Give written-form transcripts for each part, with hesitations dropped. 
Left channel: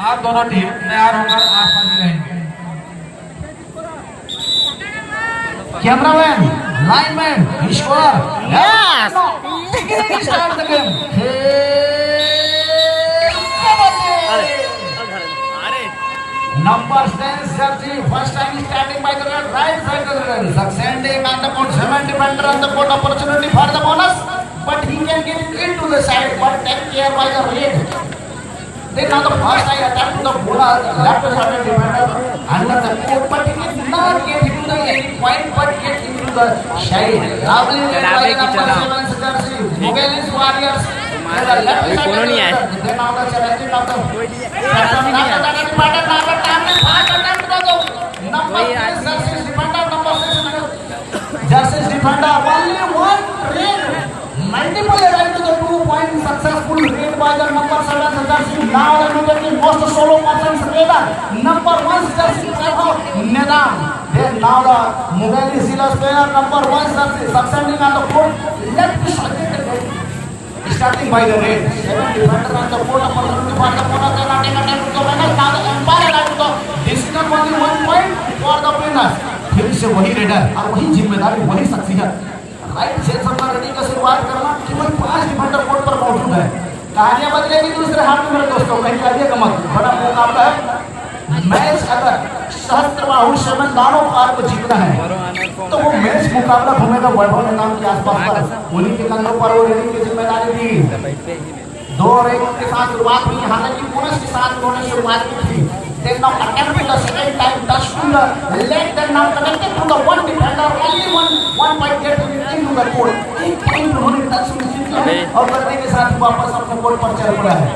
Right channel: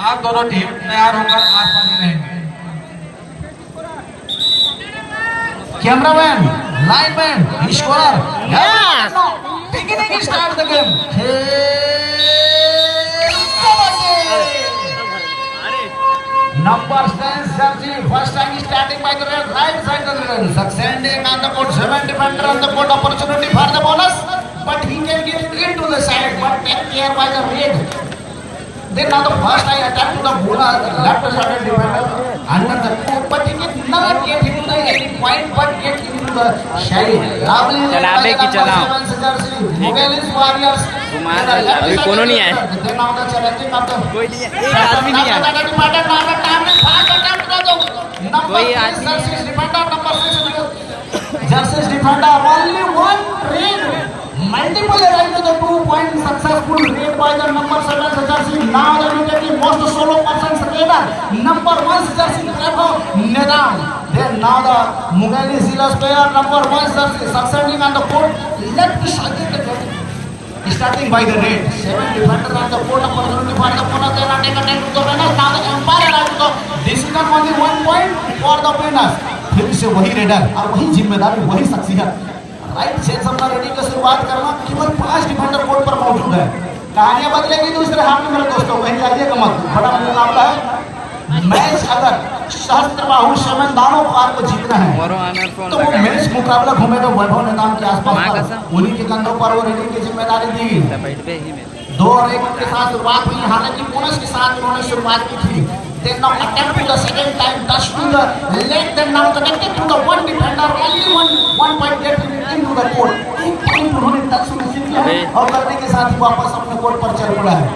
आप दोनों टीम तैयार होकर आसपास रहेंगे। Cameraman, lineman, score, Yes! beginning start the game. Number 10 Sergi, first time starting by the right side of the field. Succeeding on the court, 7 defender on the court, opportunity for the bonus, but he can get into the side, but take care by the red. Then on the first eye attack to the left side defender under the court, but he cannot get into the point, but get into the shade. चलावे की चला Mughals Warriors. अभी कोनो नहीं है Then on the challenging of the कोई नहीं है साथ भी नहीं है कोई आज Justice defender only one red. Multiple right to the 2-point successful red by the number 7 jersey. Now the immediately most solo person together. Number 1 jersey defender Nidam. Then now the Mughal Zealous player number 1 jersey succeeding on the court. Left side starting by the red. 7 defender on the court. Opportunity for the bonus. They are taking time to the winner. Now the umpire right to decision only 1 point for the winners. फिर से वही raider और वही जिम्मेदारी वही शख्सियत right से सबका रेडिंग की शुरुआत करना केवल 5 डिफेंडर कोर्ट पर मौजूद है। कहानियां बदलेगी दूसरे हाथ में मेरे दोस्तों, कहीं आइएगा मत। बड़ा मुकाबला है। मैच अगर सहस्त्र राहुल सेवन दानों पार को जीतना है तो वो मैच मुकाबला होने का वैभव निगम के आसपास उन्हीं के कंधों पर वो रेडिंग की जिम्मेदारी दी। 2-1 के साथ शुरुआत हुई, हालांकि बोनस के साथ उन्होंने शुरुआत की थी। They now attempt to the second time, touch to the leg, then now connected to the one defender, only one point getting into the court. एक point उन्होंने टच किया और करने के साथ वापस अपने कोर्ट पर चल हुआ है।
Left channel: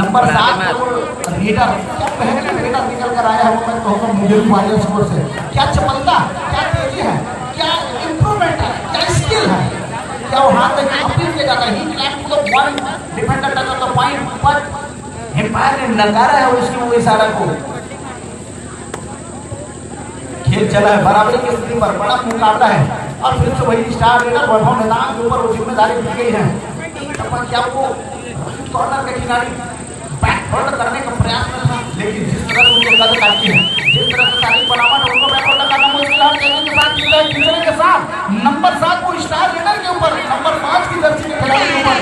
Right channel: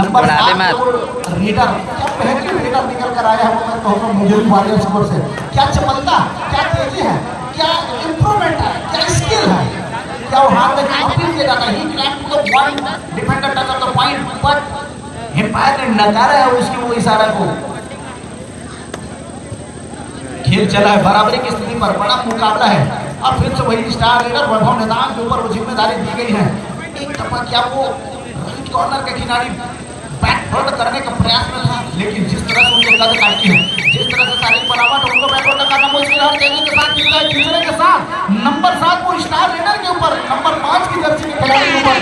नंबर 7 रीडर पहले रीडर निकल कर आया है तो मुझे वाले स्कोर से क्या चपलता, क्या तेजी है, क्या इंप्रूवमेंट है, क्या स्किल है, क्या वो हाथ में एक्टिव किया जाता है। ही clamp to the one defender touch the point but हिम्मत नकार है उसकी वो इशारा को। खेल चला है बराबरी की स्थिति पर, बड़ा मुकाबला है। अब फिर से वही स्टार लीडर वैभव निगम के ऊपर वो जिम्मेदारी दी गई है। एक तरफा क्या वो कॉर्नर के खिलाड़ी बैकवर्ड करने का प्रयास में था, लेकिन जिस तरह से उनके कदम आती है, जिस तरह से सारी बराबर उनको बैकवर्ड करना मुश्किल है। तेजी के साथ किया खिलने के साथ नंबर 7 को स्टार लीडर के ऊपर नंबर 5 की जर्सी के खिलाड़ी के ऊपर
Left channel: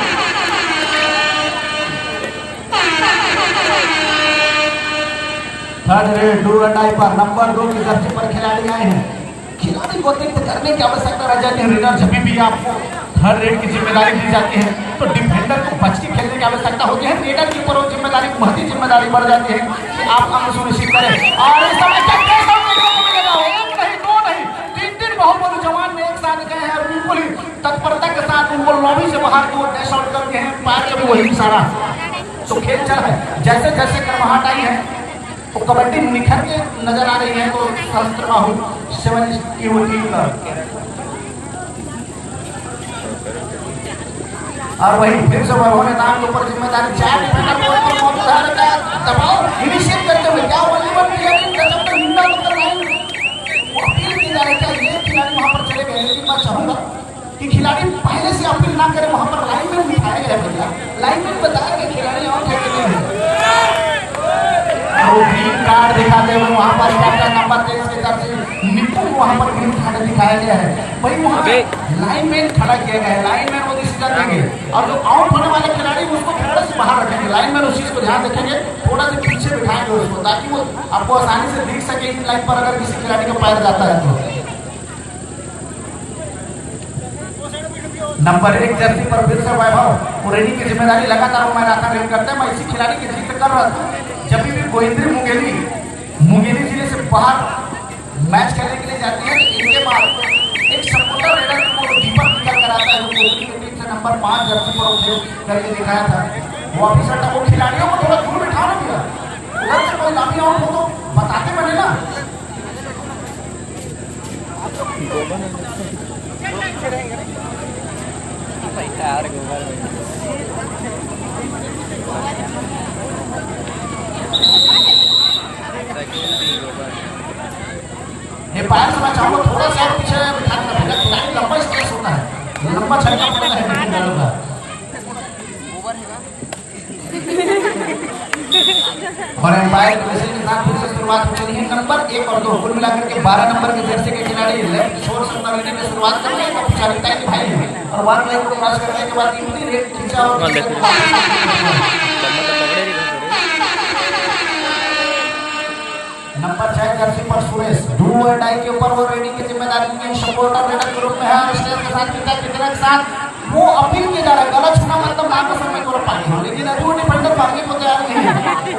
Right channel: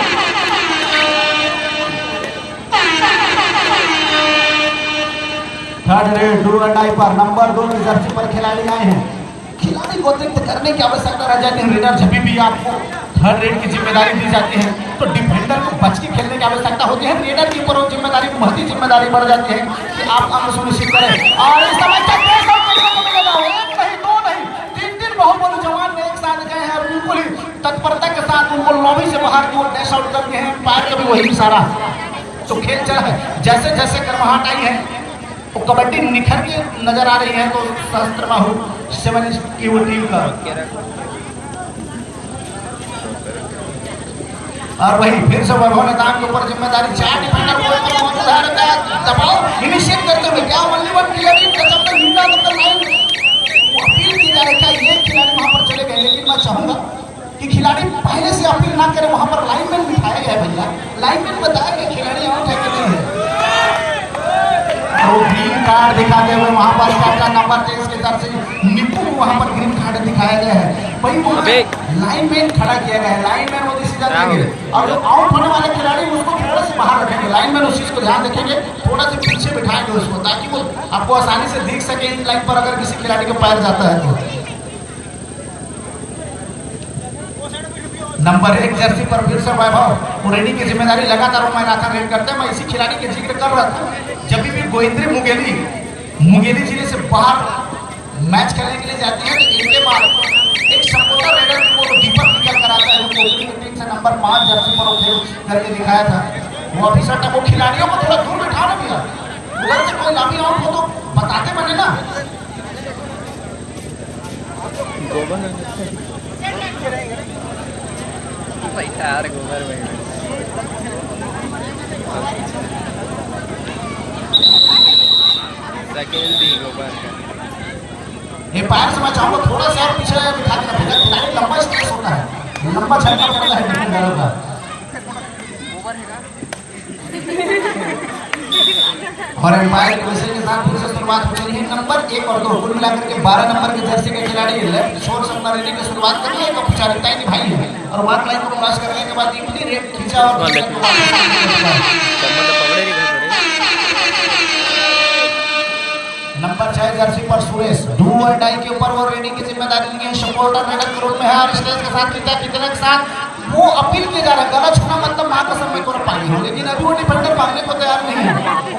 third red do and I पर नंबर 2 की जर्सी पर खिलाड़ी आए हैं। खिलाड़ी को अतिरिक्त करने की आवश्यकता रह जाती है। रेडर जब भी आपको थर्ड रेड की जिम्मेदारी दी जाती है तो डिफेंडर को बच के खेलने की आवश्यकता होती है। रेडर की पर जिम्मेदारी महती जिम्मेदारी बढ़ जाती है कि आप काम सुनिश्चित करें। और इस समय तीन बाहुबली जवान में एक साथ गए हैं और बिल्कुल ही तत्परता के साथ उनको लॉबी से बाहर की ओर डैश आउट करके हैं। पार के भी वही इशारा तो खेल चल है। जैसे जैसे कर्माहट आई है वो कबड्डी निखर के नजर आ रही है तो सहस्त्र राहुल 7 की टीम का और वही फिर से वैभव निगम के ऊपर जिम्मेदारी 4 डिफेंडर को मौजूद है। दबाव इनिशिएट करते हुए क्या वॉलीबॉल खिलाड़ी गजब का निंदा करते हैं। अपील की जा रही है ये खिलाड़ी वहां पर चले गए, लेकिन मैं चाहूंगा कि खिलाड़ी पहले से अपील ना करें। वहां पर लाइनमैन बिठाए गए भैया, लाइनमैन बताया कि खिलाड़ी आउट है कि नहीं है। ग्रीन कार्ड दिखाते हुए वहां पर कैप्टन नंबर 23 के तरफ से निपुण वहां पर ग्रीन कार्ड दिखाया गया है। वही लाइनमैन खड़ा किया गया है। लाइनमैन वो डिसीजन लेंगे और जो आउट होने वाले खिलाड़ी उसको खिलाड़ी से बाहर रखेंगे। लाइनमैन उस चीज को ध्यान रखेंगे, थोड़ा सा पीछे बिठाएंगे उसको ताकि वो आपको आसानी से देख सके इन लाइन पर अगर किसी खिलाड़ी का पैर जाता है तो। नंबर 1 जर्सी पर फिर से वैभव रेडिंग की जिम्मेदारी लगातार वो मैदान रेड करते हैं। मैं इसी खिलाड़ी के जिक्र कर रहा था जब भी गोविंद्री मुंगेली जिले से बाहर मैच खेलने के लिए जाती है तो इनके बाद एक सपोर्टर रेडर को दीपक निकल कर आता है जो टीम से नंबर 5 जर्सी पर खेल करके दिखाया था। वो ऑफिसर तक वो खिलाड़ियों को थोड़ा दूर बिठाना दिया, उधर से कोई लाभी आउट हो तो बताते बने ना। ये पास में चाहो थोड़ा सा पीछे बिठा के रखेगा, लंबा स्टेज होता है, लंबा छक्का पड़ता है डिफेंडर का। और एम्पायर के विषय के साथ फिर से शुरुआत हो रही है। नंबर 1 और 2 कुल मिलाकर के 12 नंबर के जर्सी के खिलाड़ी लेफ्ट शोर से अपना रेडिंग की शुरुआत कर रहे हैं। औपचारिकता की भाई है और बात लाइन को क्रॉस करने के बाद इतनी रेड खींचा और पकड़े नहीं थोड़े नंबर 6 जर्सी पर सुरेश डू और डाई के ऊपर वो रेडिंग की जिम्मेदारी लिए सपोर्टर रेडर के रूप में है और स्टेज के साथ कितने के साथ वो अपील किया जा रहा है गलत छूना मतलब आगे से में तोड़ पानी हो, लेकिन अभी वो डिफेंडर भागने को तैयार नहीं है।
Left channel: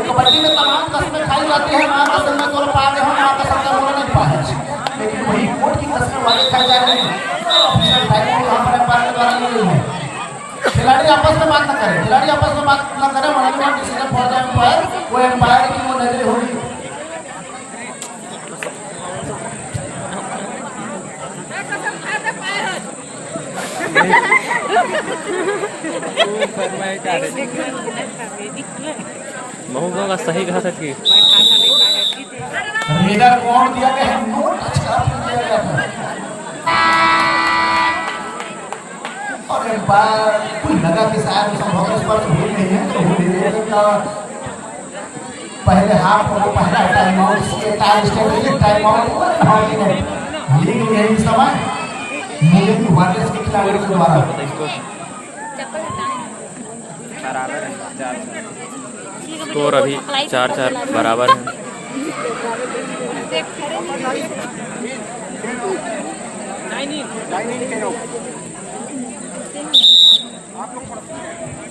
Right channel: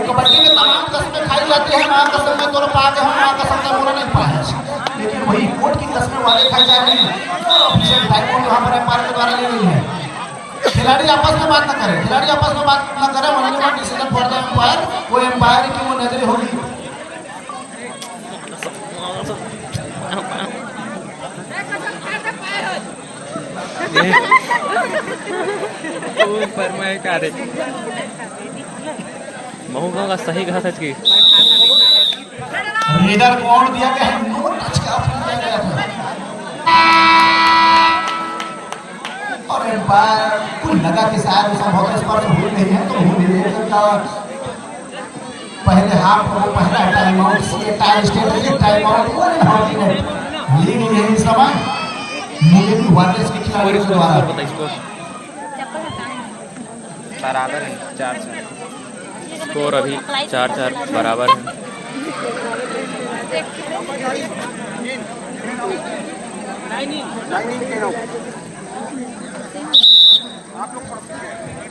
कबड्डी में तमाम कस्में खाई जाती है, मां कसम में तोड़ पाते हम मां कसम में तोड़ नहीं पाए, लेकिन वही कोर्ट की कस्में वाले खा जा रहे हैं। हमने पार के द्वारा ली गई है। खिलाड़ी आपस में बात न करें, खिलाड़ी आपस में बात न करें, वहां डिसीजन फॉर द एम्पायर, वो एम्पायर की वो नजरें होगी। महू का सही कहा था कि रेडर कौन दिया गया है, नो टच का दिया गया था और एम्पायर को लगा कि शायद उसका बहुत स्पर्श हो नहीं है तो हो नहीं है। पहले हाफ और पहला टाइम आउट से time state time out league है इस समय मीडियम वायरस के खिलाड़ी के द्वारा पता इसको स्कोर अभी 4-4 बराबर है।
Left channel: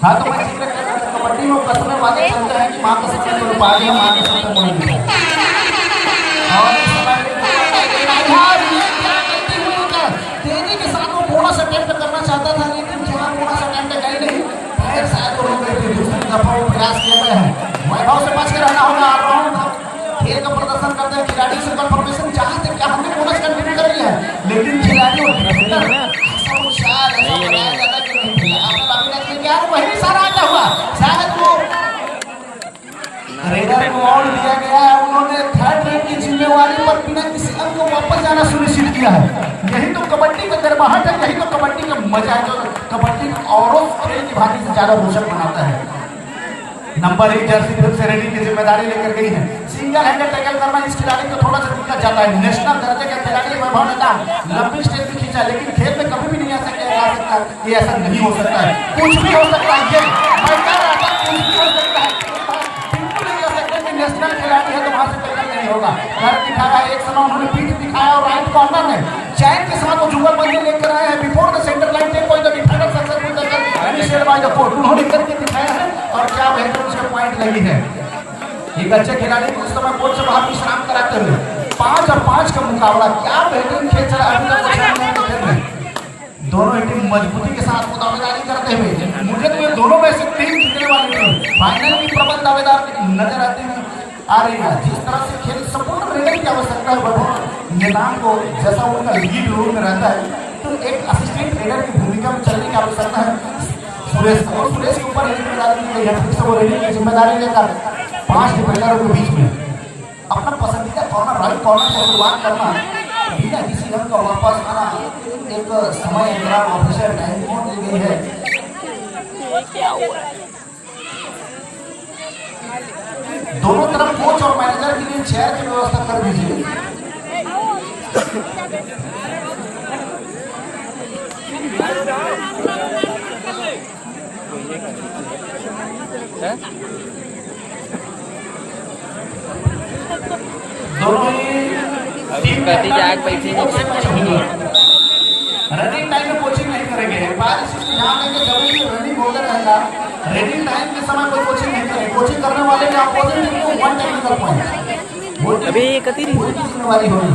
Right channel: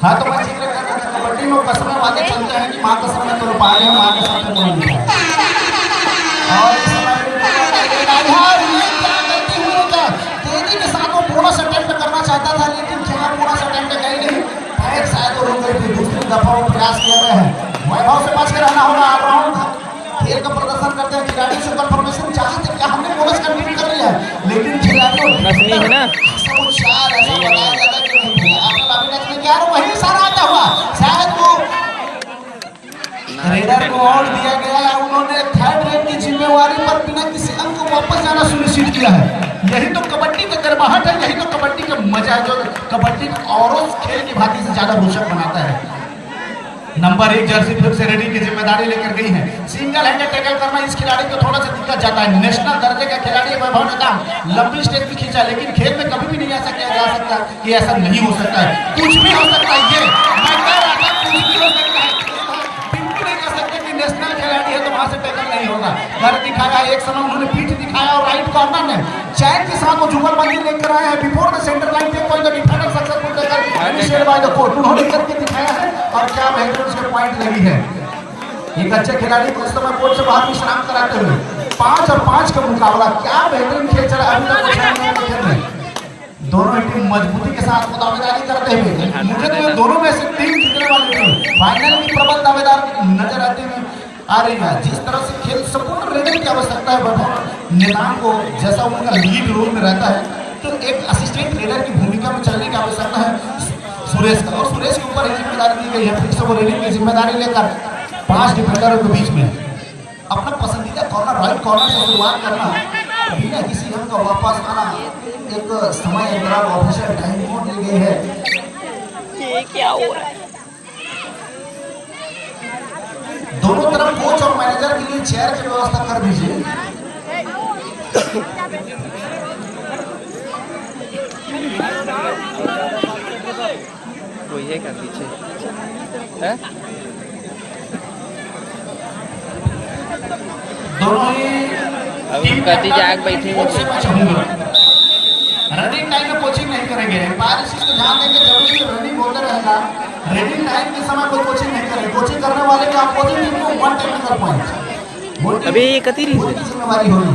हाँ तो मैं जिक्र कर रहा था कबड्डी में कसम बातें चलते हैं कि मां का सपना तो पा गया, मां का सपना नहीं मिला और तेजी के साथ वो बोनस अटेम्प्ट करना चाहता था लेकिन खिलाड़ी बोनस अटेम्प्ट कर नहीं फायर शायद तो उन्होंने फिर दूसरी दफा वो प्रयास किया गया है। वैभव से बच के रहना होगा। ऑलराउंड खेल का प्रदर्शन करते हैं खिलाड़ी से कंफर्मेशन चाहते क्या हमने बोनस कंप्लीट कर लिया है लेकिन खिलाड़ी नहीं है ना वही सारा आता हुआ शायद वो रेडर को और दिया गया उन्होंने थर्ड रेट की जिम्मेवारी पर बिना किसी अंक को वापस जाना सुनिश्चित किया है। यही तो कबड्डी का गर्माहट है, यही तो कबड्डी का मजा है, जो कबड्डी और खेल की भांति से ज्यादा रोचक बनाता है। नंबर 1 जर्सी फिर से रेडिंग की जिम्मेदारी लेकर गई है। सिंगल हैंडेड टैकल करना इस खिलाड़ी को थोड़ा सा दिक्कत जाता है। नेशनल दर्जे का खिलाड़ी वैभव नेता लंबी स्टेज पे खींचा लेकिन खेल में कभी भी नहीं ऐसा किया जा सकता कि ऐसा नहीं हो सकता है, कुछ भी हो सकता है। ये मैं कह रहा था कुछ भी हो सकता है, बिल्कुल नहीं कर सकते कि नेशनल खिलाड़ी है तो वहां से टैकल नहीं होगा। घर दिखाया एक समय उन्होंने पीठ दिखाया और राइट कॉर्नर में चैन के साथ वो जुगल बंदी लेकर आए हैं before the centre line take on the defender successful tackle initiated by the court उन्होंने करके दिखाया है और क्या बेहतर उसके पॉइंट लगी है। एक अच्छे खिलाड़ी को इस समय कोर्ट से बाहर विश्राम कराते हुए 5 और 5 का मुकाबला क्या बेहतरीन खेल चला है। दोनों टीम मजबूती के साथ दावेदारी करते हुए मुझे तो ये दोनों में से 3 जीतने वाली टीम फाइनल की प्रबल दावेदार नजर आती है आ रही है। जिस तरह से खेल सपोर्ट रेडर की आवश्यकता है नेताओं को जैसा उनका लीड रोल में रहता है तो एक असिस्टेंट रेडर की भूमिका में चलने की आवश्यकता है। सुरेश के ऊपर जिम्मेदारी दी गई है फिर से वो रेडिंग की जिम्मेदारी लेकर 5 डिफेंडरों के बीच में अपना पसंदीदा कॉर्नर राइट कॉर्नर से शुरुआत करना बिना किसी रन को वापस आना एक समय ऑफिशियल टाइम दी गई है। ये क्या हुआ? दोनों तरफ कोच और मैनेजर के लिए चेयर की व्यवस्था कर दीजिए। वो ये कर दीजिए दोनों ही अभी कटी जाग बैठेंगे रनिंग टाइम में कोचिंग नहीं करेंगे। बारिश को ध्यान देंगे जरूरी है रनिंग होता रहेगा। रनिंग टाइम के समय कोई कोचिंग नहीं करेंगे। कोचिंग करने वाले के अपोजिट वन टेक्निकल पॉइंट अभी ये कती नहीं जिम्मेदारी होगी।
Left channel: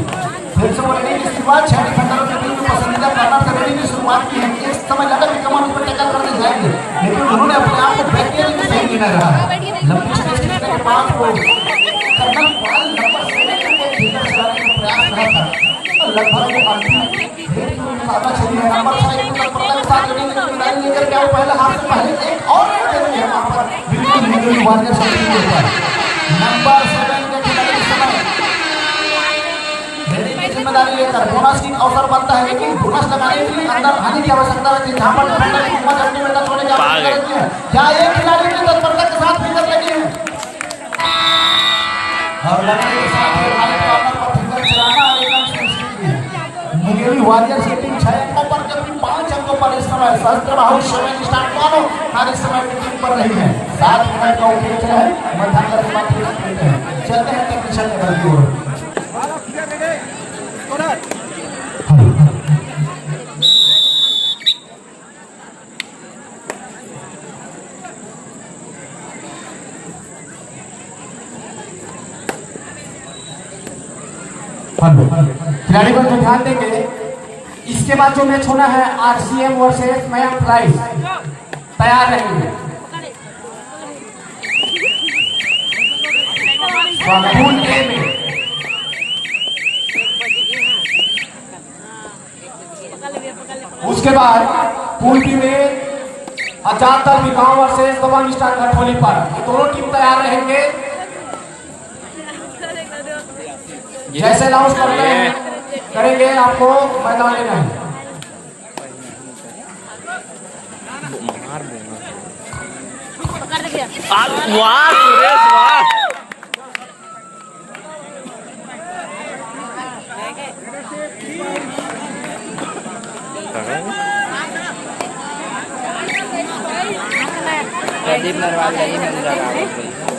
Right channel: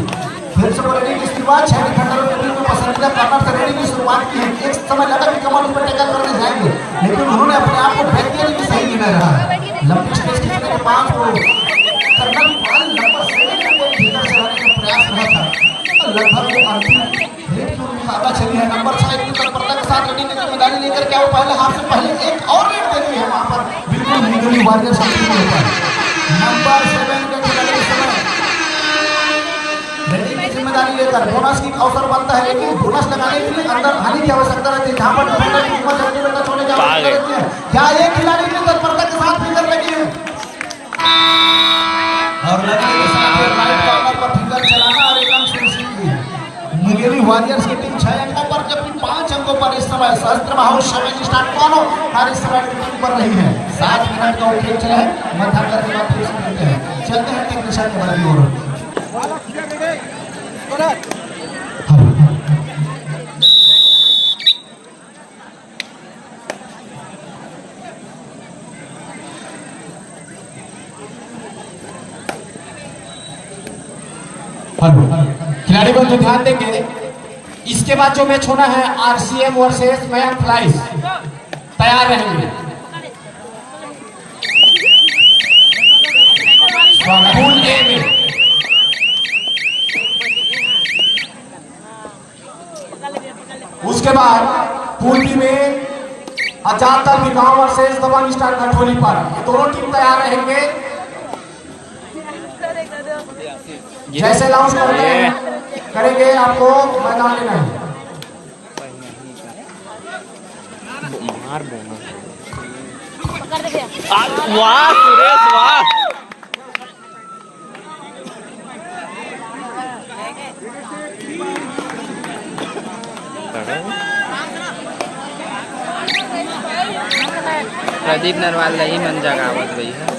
फिर से रनिंग की शुरुआत 6 डिफेंडरों के बीच पसंदीदा कॉर्नर से रनिंग की शुरुआत की है। एक समय लगा कि कमान पर टैकल करने जाएंगे लेकिन उन्होंने अपने आप को बैक देने की सही नहीं रहा। लंबी स्टेज के बाद वो लगभग वो अंतिम रेड की मुकाबला चली है। नंबर 6 की प्रताप के साथ रेडिंग की जिम्मेदारी लेकर क्या वो पहले हाफ से पहले एक और रेड दे दी है वहां पर बिल्कुल निगमी वाले शक्ति होता है। नंबर 7 के खिलाड़ी समय रेडिंग की जिम्मेदारी लेकर बोनस की अवसर बनता है लेकिन बोनस लगाने के लिए अंदर आने की आवश्यकता रहती है। जहां पर पा गए क्या ये खिलाड़ी की तत्परता के साथ फिगर लगी है सहस्त्र बाहु समय स्टार्ट मानो हर इस समय टीम कर रही है 7 मिनट का खेल चला है मध्यांतर के बाद पूछ लेते हैं चलते हैं टेक्नीशियन के तरफ की ओर खिलाड़ी को जो ध्यान देंगे इसके बाद जो मैच होना है आरसीएम वर्सेस मैन फ्लाइज तैयार रहेंगे पूल ए में उसके बाद पूल बी में अजातल विभाग वर्सेस दबंग स्टार गठोली पर दोनों टीम तैयार रहेंगे जैसे अनाउंस करेंगे आपको मैदान में नहीं मार वाह सुरेश वाह प्रदीप नरवाल नहीं मन जगह गई है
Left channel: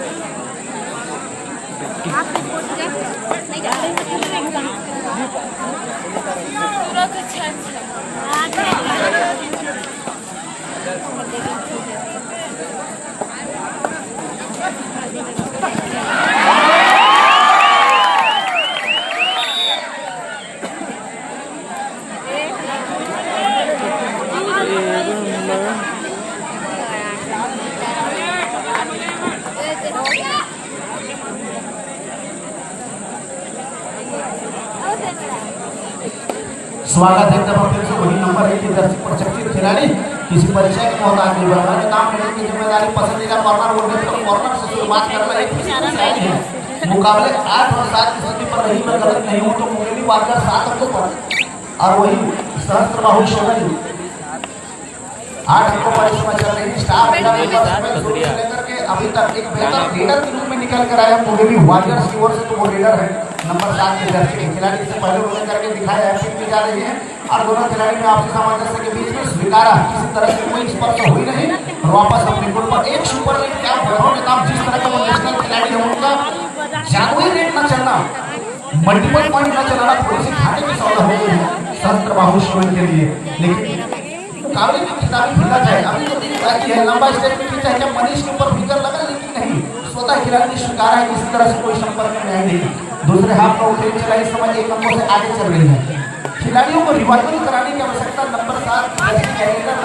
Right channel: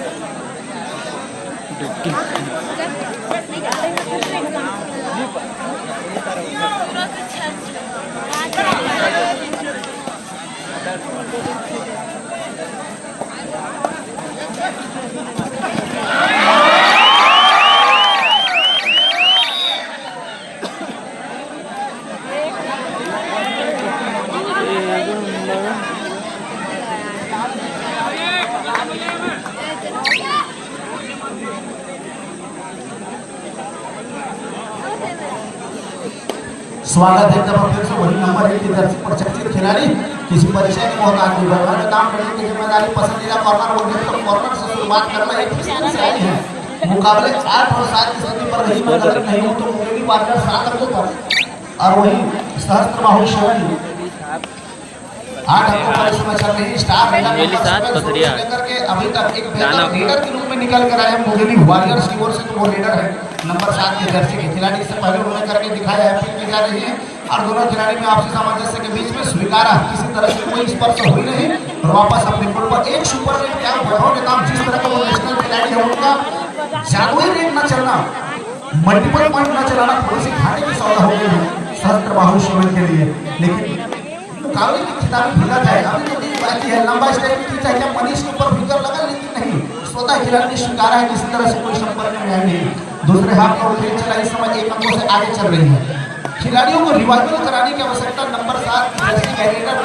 स्वागत है तब फिर से वही नंबर 1 की दर्शक प्रशिक्षित खिलाड़ी किसी परिचय और आगे बढ़ने का काम करने की जिम्मेदारी पसंदीदा कॉर्नर होने पर कॉर्नर से शुरुआत करना एक शैली है मुकाबले 8 और 7 की स्थिति पर नहीं कर नहीं हो तो मुंगेली पार्टनर 7 अंकों पर और वही सहस्त्र बाहु शोनी 8 अंकों पर इसमें चल रही स्टार लेकर के अभी तक एक बेहतर लीडर के रूप में निकल कर आया मुंगेली वॉरियर्स की ओर से तो वो लीडर है नंबर 7 के जर्सी के खिलाड़ी से पहले उन्होंने करके दिखाया है फिर की जा रही है और दोनों खिलाड़ी में आपसी सामंजस्य के बीच में स्वीकारा किसी तरह से कोई स्पर्श हुई नहीं और वापस अपने गोल पर एक सुपर रेट का बहुत काम जिस तरह का वो नेशनल खिलाड़ी है उनका जादुई रेट न चलना मल्टीपल पॉइंट न चलाना थोड़ी सी घाटे की सौदा हो गई सहस्त्र बाहु शोनी के लिए लेकिन मुकाबले की खिताबी भूला जाए अभी बाकी है लंबा स्टेप की चाहे कि मनीष के ऊपर फिकर लगा लेकिन नहीं स्वतः खिलाड़ी ने स्वीकारा है किसी तरह से कोई संपर्क में है नहीं दूसरे हाथ पर खेल चला इस समय 1 नंबर से आगे चल रही है खिलाड़ियों को रिवाइवल कराने की आवश्यकता number 7 Jersey character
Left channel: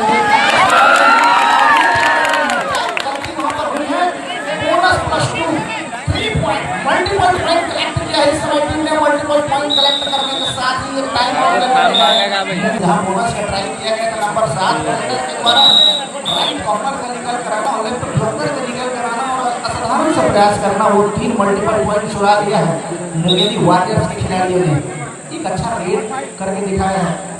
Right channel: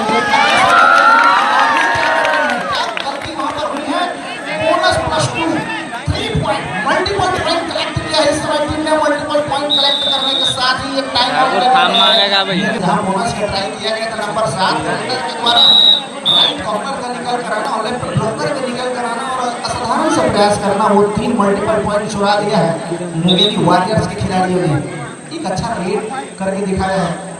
bonus plus 2 3 point multiple point collect किया इस समय टीम ने मल्टीपल पॉइंट कलेक्ट करने के साथ ही एक टाइम आउट लगेगा भैया जहां बोनस का ट्राई किया गया था नंबर 7 के द्वारा राइट कॉर्नर से निकल कराना और लेफ्ट ब्लॉकर से निकल कराना असाधारण से प्रयास करना वो 3 मल्टीपल पॉइंट छुड़ा दिया है मुंगेली वॉरियर्स के खिलाड़ियों ने एक अच्छा रेड करके दिखाया है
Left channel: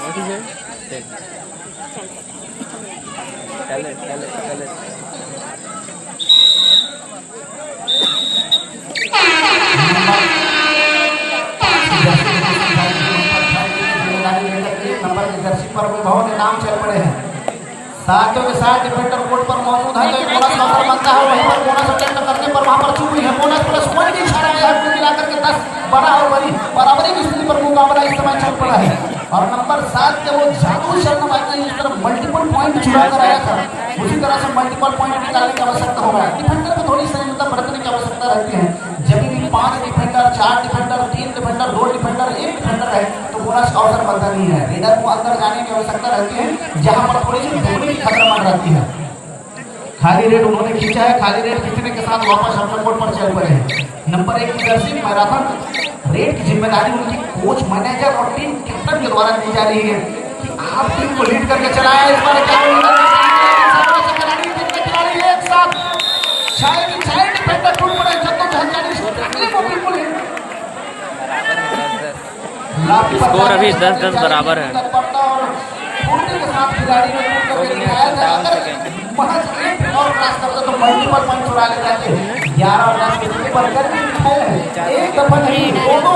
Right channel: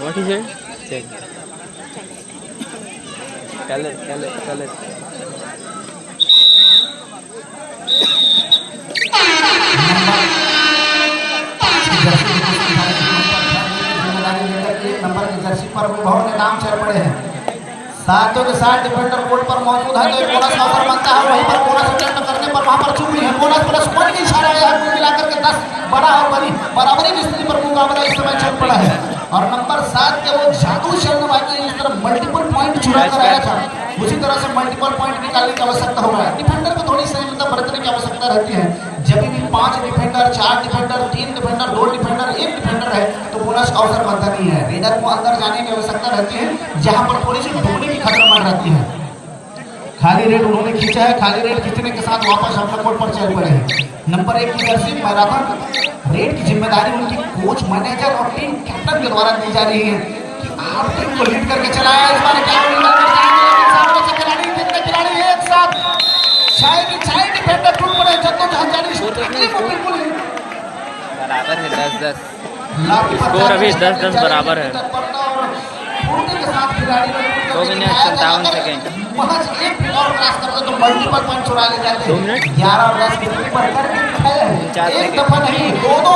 What is it? Tell it. सातों के साथ डिफेंडर कोर्ट पर मौजूद है बोनस अवसर बनता है वहीं पर बोनस अटेम्प्ट करने पर वहां पर चूक है बोनस प्लस 1 की इशारा है आपको मिलाकर के 10 बड़ा और बड़ी बराबरी की स्थिति पर मुकाबला इस समय चल रहा है और नंबर 7 के वो जादू शर्मा वाकई इस तरह मल्टीपल पॉइंट चुरा कर आया था उसी तरह से मल्टीपल पॉइंट निकालने की आवश्यकता हो रहा है डिफेंडर को थोड़ी संयमता बरतने की आवश्यकता रहती है जब भी 5 defender 4 defender 3 defender 2 defender 1 defender है तो बोनस का अवसर बनता नहीं है रेडर को अंदर जाने की आवश्यकता रहती है जहां पर थोड़ी सी डूबने की खतरनाक रहती है खाली रेड उन्होंने खींचा है खाली रेड खींचने के साथ वापस अपने कोर्ट पर चल पड़े हैं नंबर 1 की जर्सी मैराथन रेड की जिम्मेदारी उनकी कोच मैनेजर और टीम कैप्टन के द्वारा दी जा रही है कि आप टीम को लीड करके चलाया इस बार क्या खिलाड़ी एक साथ शायद डिफेंडर टूट पड़े स्कोर अभी 10-10 बराबर है 2 मिनट 57 सेकंड क्रॉस करते तो मल्टीपल पॉइंट चुरा ले जाते हैं। 11 प्लस के ऊपर करके है, एक दफा नहीं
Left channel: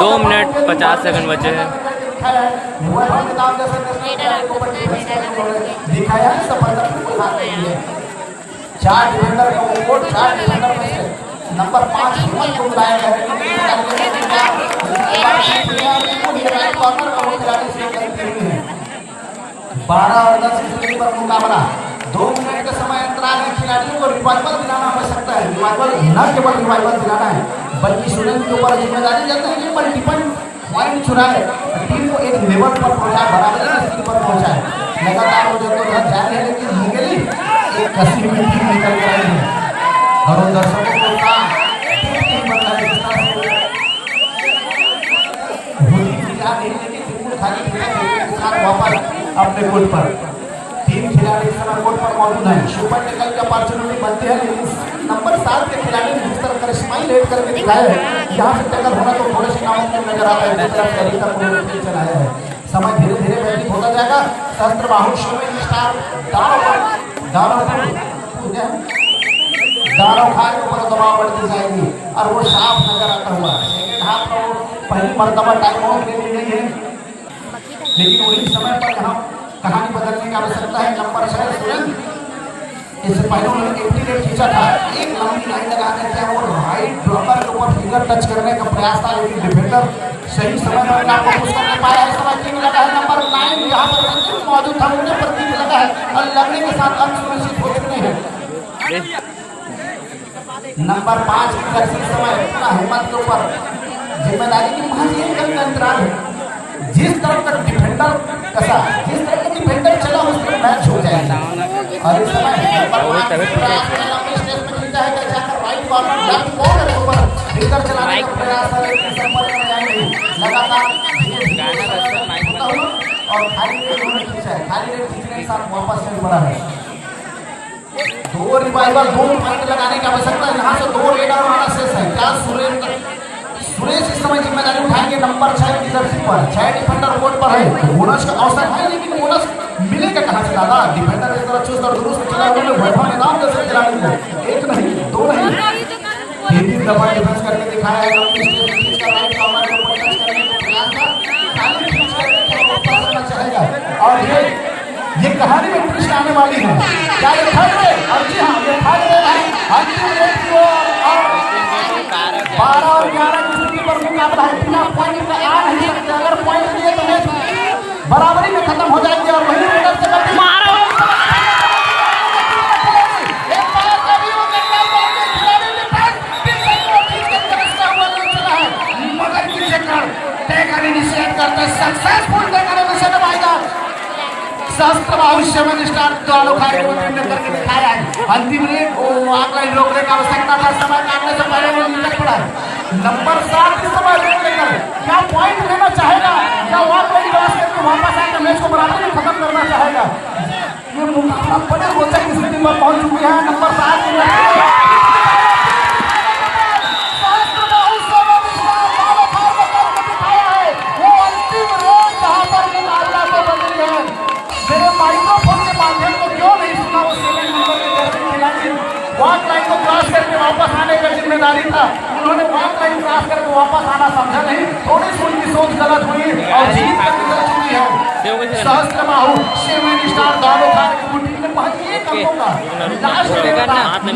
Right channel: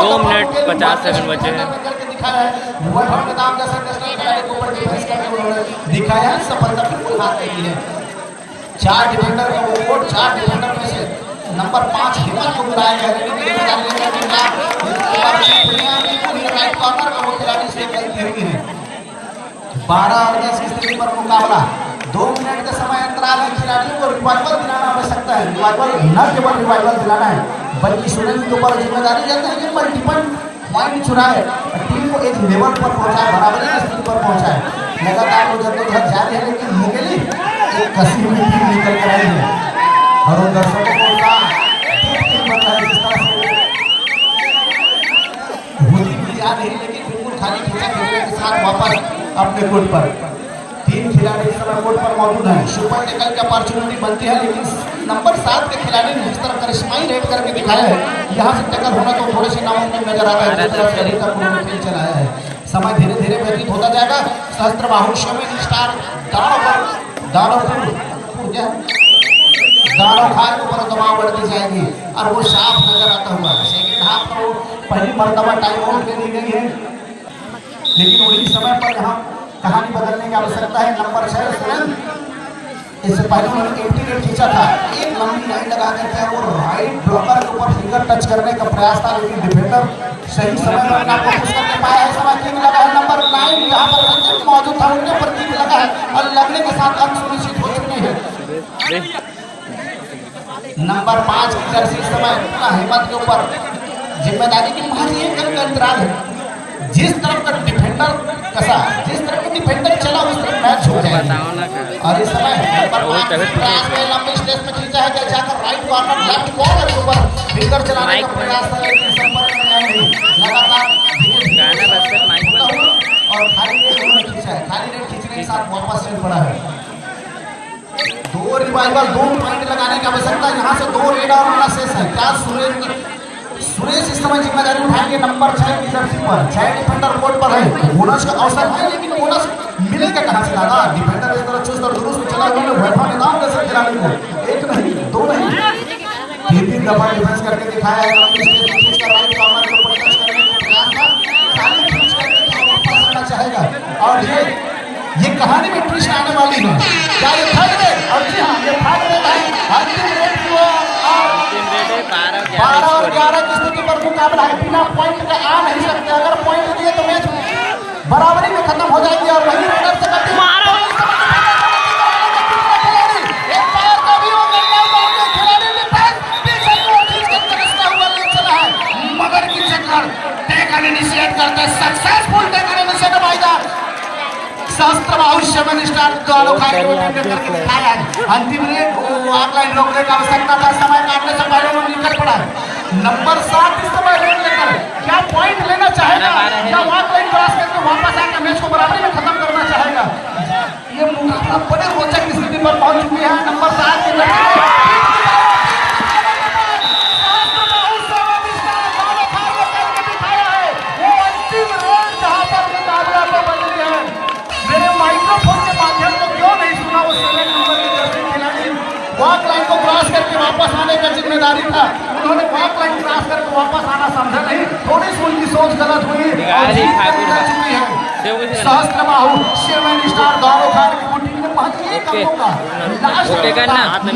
2 मिनट 50 सेकंड बचे हैं। दिखाया है सफलता बिल्कुल आती है। 4 डिफेंडर का वोट, 4 डिफेंडर में से नंबर 5 हिम्मत को बुलाया गया है। राइट कॉर्नर का वो खिलाड़ी से खेली है। 12 और 10 की स्थिति पर मुकाबला, 2 मिनट का समय अंतराल है। खिलाड़ियों को रिवाइवल दिलाना आवश्यकता है। रिवाइवल न केवल रिवाइवल दिलाना है, बल्कि स्टूडेंट के ऊपर जिम्मेदारी जाती है कि मल्टीपल पॉइंट चुराए, टीम को एक लेवल पर पहुंचाए, बराबरी की स्थिति पर पहुंचाए। लगातार वो जद्दोजहद जारी है, लेकिन निकली एक कसी हुई टीम निकल कर आई है। और उन दर्शकों को का टीम बन रहा है जिस तरह से लेकिन बिल्कुल खाली खींचा खेलने के साथ वापस अपने कोर्ट पर। 3 खिलाड़ी इस समय कोर्ट पर मौजूद हैं। सुपर निकल की अपॉर्चुनिटी बनती है, लेकिन नंबर 7 के खिलाड़ी ने जिस तरह करिश्माई रेड करके दिखाया है, यहाँ से टक्कर होना तो थोड़ी सी नामुमकिन नजर आता है। जिस तरह से अभी तक वो खेल चलाया है, समय धीरे धीरे व्यतीत होता जाएगा। सहस्त्र बाहु शॉपिंग स्टार दानव खान के ऊपर दबाव बढ़ती जाएगी और वो साफ नजर आता हुआ। सेकेंड हाफ को पहली मर्तबा टाइम आउट दे दी गई है, लेकिन वही समय पर यहाँ कहानी बदलने की आवश्यकता है। नंबर 6 इससे पहले उन्होंने एंटी खींचा था, एक लंबी लाइन लगा करके वो राइट ब्लॉकर के ऊपर फिंगर टच करने का प्रयास था, लेकिन डिफेंडर सही समय पर ना कोशिश कर पाया। समय किक लगा है नंबर 9 यहाँ पर रंजित मौजूद था, उन्हें पर किक लगा है और लगने के साथ हम सुनिश्चित हो चुके हैं। नंबर 5 की जर्सी इस समय हिम्मत के ऊपर जिम्मेदारी की मुझे एक तरफ का अंतराल है। जिस तरफ का डिफेंडर कसा, जिस तरफ का डिफेंडर चला उस तरफ मैच हो जाएगा। और इस समय लंबी स्टेज पे खींचा है कि जाकर राइट कॉर्नर लेफ्ट कॉर्नर के ऊपर फिंगर चलाने का प्रयास कर रहे हैं। संपर्क में आएंगे लगातार और खाली रेड उन्होंने खींचा है। खाली रेड खींचने के साथ वापस चल पड़ा है। 2 रिवाइवल 2 पॉइंट लगाने की आवश्यकता है। यहाँ से 2 रेड आउट होना शेष है। क्या सुरेश इस समय जिम्मेदारी उठाएंगे नंबर 6 की जर्सी पर। 6 डिफेंडर कोर्ट पर है, बोनस का अवसर है, लेकिन बोनस मिलेगा कहां से? दादा डिफेंडर इस तरह चुस्त और दुरुस्त चला हुआ है। वैभव ने नाम कैसे खिलाड़ी को एक नहीं 2 नहीं 3 दफा डिफेंस करके दिखाया है। लंबी स्टेज पे खींच कर राइट कॉर्नर के ऊपर टच करने का प्रयास था, खाली खींच करके वापस आना चाहेगा। और ये कहानी में ट्विस्ट आने वाली है। क्या ये फाइट है? और जी हां, ये फाइट है भाई। अंतिम रेट हुआ 12 और 11 की स्थिति पर मुकाबला है। बिना पॉइंट के आ नहीं सकते। अगर पॉइंट दिए तो मैच बराबरी में खत्म हो जाएगी और वही रेडर से मारो मगर की चक्कर टेकन इनिशिएट करते हैं। सक्सेसफुल टेकन इनिशिएट रहेगा। सहस्त्र भविष्य में स्टार्ट दोनों दिखाया है। अंतिम रेट वो ऑनलाइन रोकने का आवश्यकता था। समय काटने से पहले वो निकल पड़ा। नंबर 7 इस समय रेड लेकर क्या पॉइंट लेना चाहेगा या ऑनलाइन क्रॉस करके वापस आकर मैच को बराबरी में खत्म करना चाहेगा? ये मुकाबला बड़े रोचक स्थिति पर पहुंच चुके हैं। नंबर 7 वापस आने का जिम्मेदारी था। उन्होंने वॉक लाइन क्रॉस करके वापस आना समझा नहीं। थोड़ी सी उनकी सोच गलत हुई और जीत का गुजर चुकी है। सहस्त्र बाहु शेरमैन स्टार दोनों खाने की टीम ने पहुंची। हाथ में